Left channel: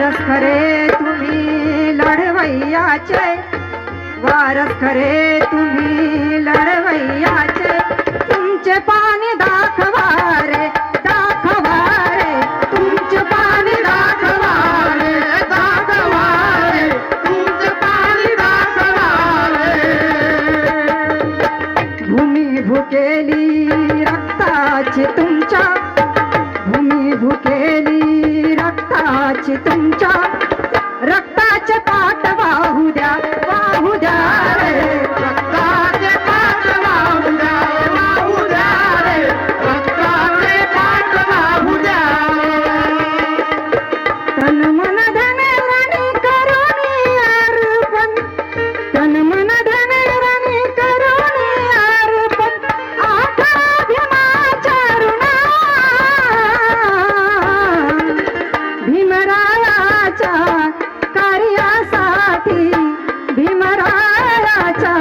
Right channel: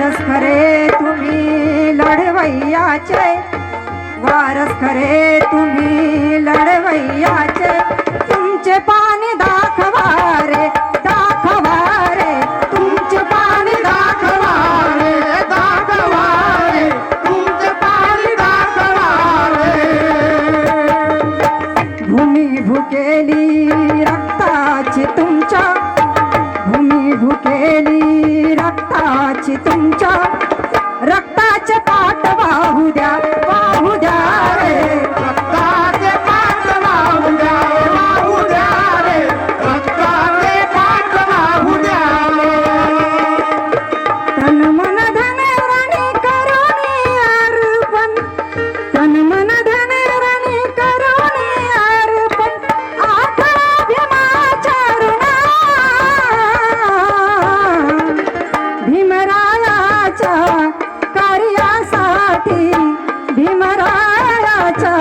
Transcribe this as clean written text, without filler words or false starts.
वारस खरे तुम्ही लढवैयाचे, वारस खरे तुम्ही लढवैयाचे, तुमचे पाणी दाखवा रे, दाखवा रे, तुमचे पाणी दाखवा रे, दाखवा रे, तुमचे पाणी दाखवा रे. भूमी भुकेली रक्ताची तुमच्या, भूमी भुकेली रक्ताची तुमच्या, रक्ताचे पाट वाहू द्या, वाहू द्या रे, रक्ताचे पाट वाहू द्या, वाहू द्या रे, रक्ताचे पाट वाहू द्या. तन मन धन रणी करुणी अर्पण, तन मन धन रणी करुणी अर्पण, आठा भीमाच्या ऋणा, भीमरायाच्या कार्यासाठी, भीमरायाच्या